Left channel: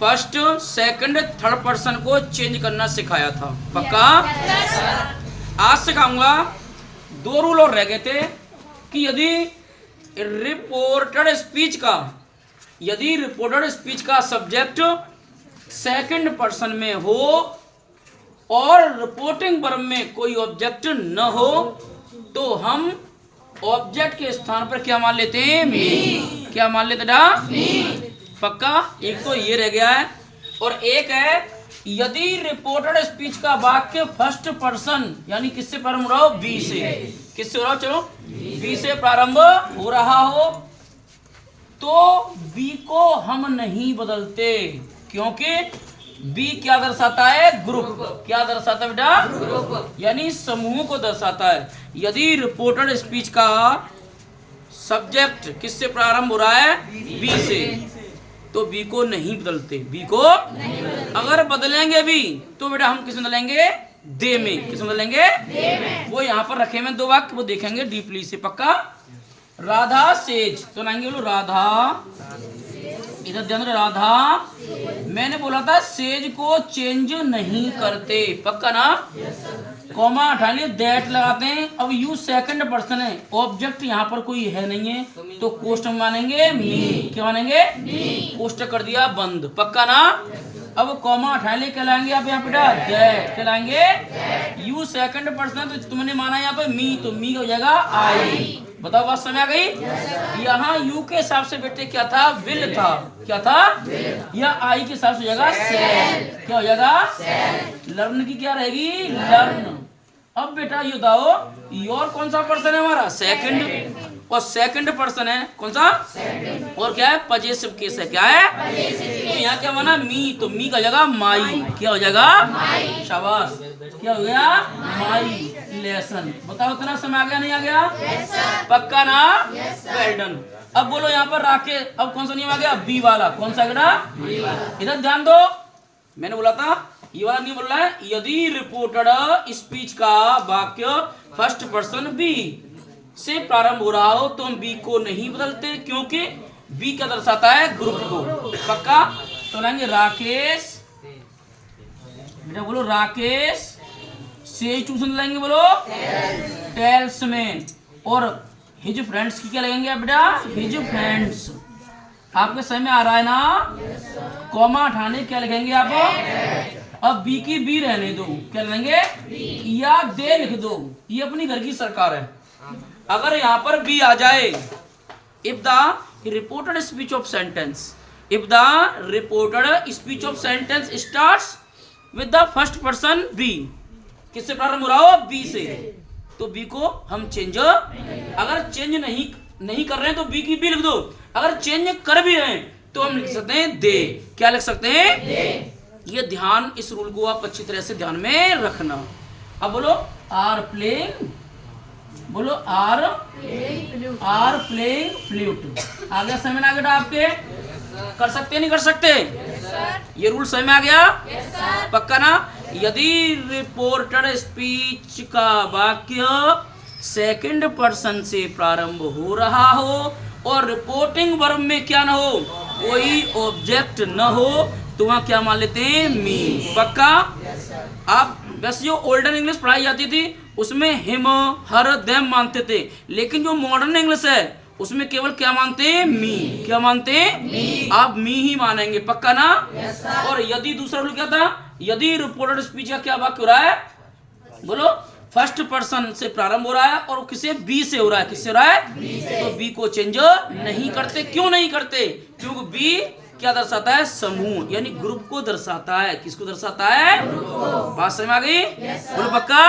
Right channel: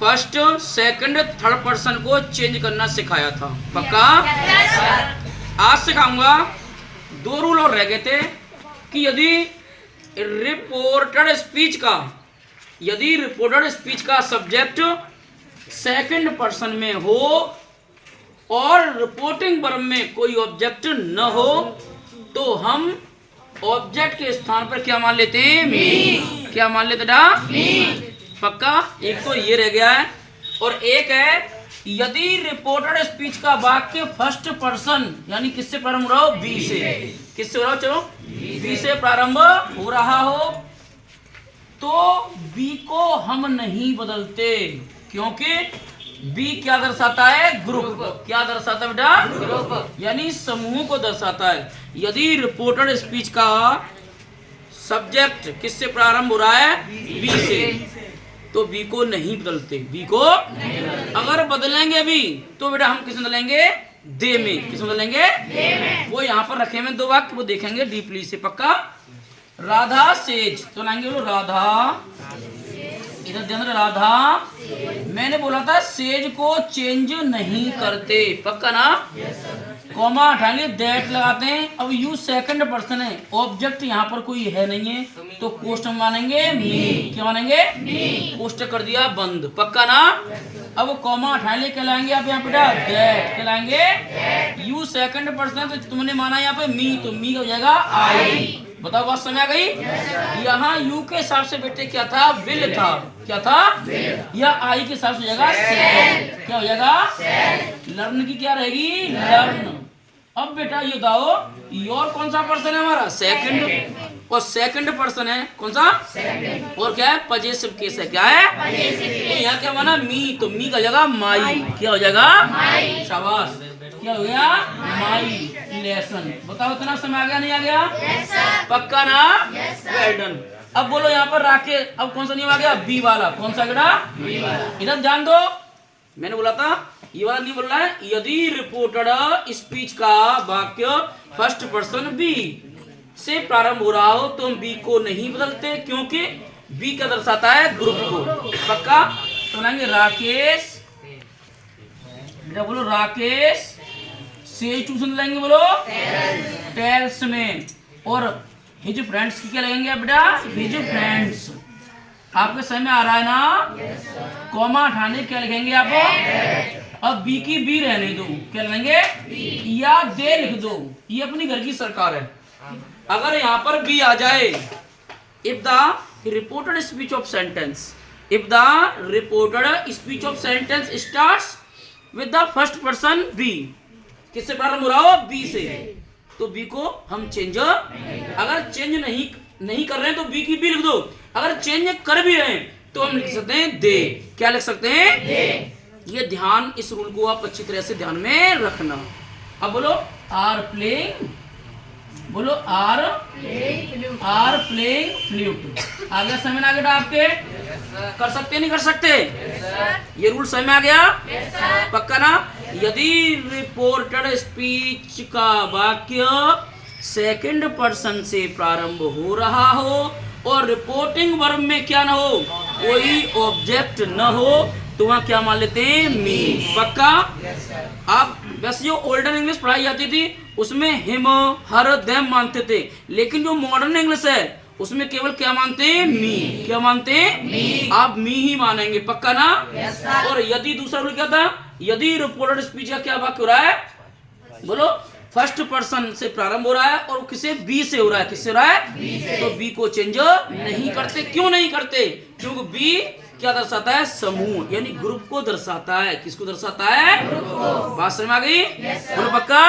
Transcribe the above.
First second third person को change करना सिखाया था। पक्का? आज सिखाऊंगा। 2 रूल और रह गए थे कि यदि रिपोर्टेड स्पीच का सब्जेक्ट सेकंड पर्सन में हो और रिपोर्टिंग वर्ब में कोई ऑब्जेक्ट न हो तो हम ऑब्जेक्ट के स्थान पर क्या मान लेते हैं? मी। क्या मान लेते ना? मी। पक्का? एक तो ये रह गया है और एक है यदि रिपोर्टेड स्पीच का वाक्य फर्स्ट पर्सन यानी किससे प्रारंभ हो रहा हो? बी से। किससे हो रहा हो? चलो बी से प्रारंभ हो रहा हो तो बी को हम नहीं बदलते, क्योंकि बी क्या दर्शाता है? ग्रुप। क्या दर्शाता है बेटा? ग्रुप, यानी समूह को दर्शाता है। यदि रिपोर्टेड स्पीच का सब्जेक्ट किससे प्रारंभ हो रहा है? बी से, तो बी को नहीं बदलते। बी को अगर बदलेंगे भी तो बेटा हम किस में बदलेंगे? दे में। किस में बदलेंगे? दे में। वो यहाँ पर रखे हुए 2 वाक्य, वो देखेंगे डीपली से। पक्का? राधा सेज, तो लाएंगे बोलो राधा, इधर ध्यान दो, राधा। मैंने बोला था सेज को चेंज नहीं करते। पक्का ना? कॉमा हटा लिए, दैट लगाते हैं। अब यू सेकंड पर्सन है, ऑब्जेक्ट यहाँ पर कोई है नहीं है, तो कोष्टक मानेंगे मी। क्या मानेंगे? मी। कोष्टक कर दिया बंद। पक्का ना? अब कॉमा हटा लिए, क्या लाएंगे आप यहाँ बेटा? दैट। क्या लाएंगे? यू सेकंड पर्सन, तो तुमने माना यहाँ पे मी, तो मी हो जाएगा आई। बताओ बात समझ आ गई? यहाँ यू के हिसाब से बेटे क्या था? विल था। क्या था? या आई के हिसाब से हो जाएगा सेल। क्या हो जाएगा? लर्न की क्या रहेगी? लर्न। अब बेटा ये बताओ योर कौन सा पर्सन है हमारा? सेकंड। और सेकंड पर्सन है कौन सा? सेकंड। और क्या है? पजेसिव केस है। क्या है? तो यहाँ क्या माना? मी, तो मी का हो जाएगा माई। क्या हो जाएगा? माई। शाबाश। क्या हो गया? माई लेसन। बताओ इतना समय आ गया नहीं आ गया? पक्का ना? Well done. अब बोलो यहाँ पर राके, अब कौन सा नियम आ गया? बी वाला। कौन सा बेटा? बी वाला। इधर ध्यान दो, मैंने बोला था ये वाला नहीं बोल रहा है। यदि रिपोर्टेड स्पीच का वाक्य फर्स्ट पर्सन बी से प्रारंभ हो रहा हो तो हम बी को नहीं बदलते, क्योंकि बी क्या दर्शाता है? ग्रुप को। पक्का? तो लाएंगे राकेश, बेटा बोलो राकेश से ट्यूशन लाएंगे, बोलो टेल्स में। और हिज फ्रेंड्स की क्या लगेंगे बेटा? His friends. आपके समझ में आ रहा है ना? कॉमा हटाने क्या लिखेंगे आप? अब बी की बी रहने दो, क्या लिखेंगे? या दे लिख दो, ये अपनी घर की सरकार है। अगर यहाँ पर बी आ जाए, if the reported speech of sentence, if the reported speech of sentence starts with the first person B, किससे प्रारंभ हो रहा हो? बी से, तो बी को हम चेंज, अगर चेंज नहीं कर रहे हैं तो बी की बी लिख दो। अगर चेंज कर भी रहे हैं तो हम लिख सकते हैं दे। क्या लिख सकते हैं? दे। ये ध्यान, इस रूल को आप अच्छी तरह से ध्यान में रखना। अब बोलो आर प्लेइंग, बोलो आर प्लेइंग फ्लूट। आगे समझ आ गया आपके? कर सकते नहीं कर सकते? ये रूल समझ में आ गया? पक्का ना? यदि रिपोर्टेड स्पीच का वाक्य सेकंड पर्सन से प्रारंभ हो रहा हो और रिपोर्टिंग वर्ब में क्या ना हो? कोई ऑब्जेक्ट न हो, तो वहां क्या मान लेते हैं? मी। पक्का? आप बस जो ओल्डन इंग्लिश पढ़ाई जाती थी उसमें हिम, हर, देम मानते थे, लेकिन जो मॉडर्न इंग्लिश है उसमें केवल क्या मानते हैं? मी। क्या मानते हैं? मी। आप मी ही मानेंगे। पक्का ना? और यदि दूसरा रूल क्या था? यदि रिपोर्टेड स्पीच का क्या वाक्य हो रहा है? बोलो फर्स्ट पर्सन से प्रारंभ हो रहा है और किसे? बी से हो रहा है। किससे हो रहा है? बी से। तो बी को चेंज नहीं करते। क्यों नहीं करते? क्योंकि बी क्या दर्शाता है? समूह, यानी ग्रुप को दर्शाता है। किसको दर्शाता है? ग्रुप को। बात समझ में आ गई? बोलो पक्का?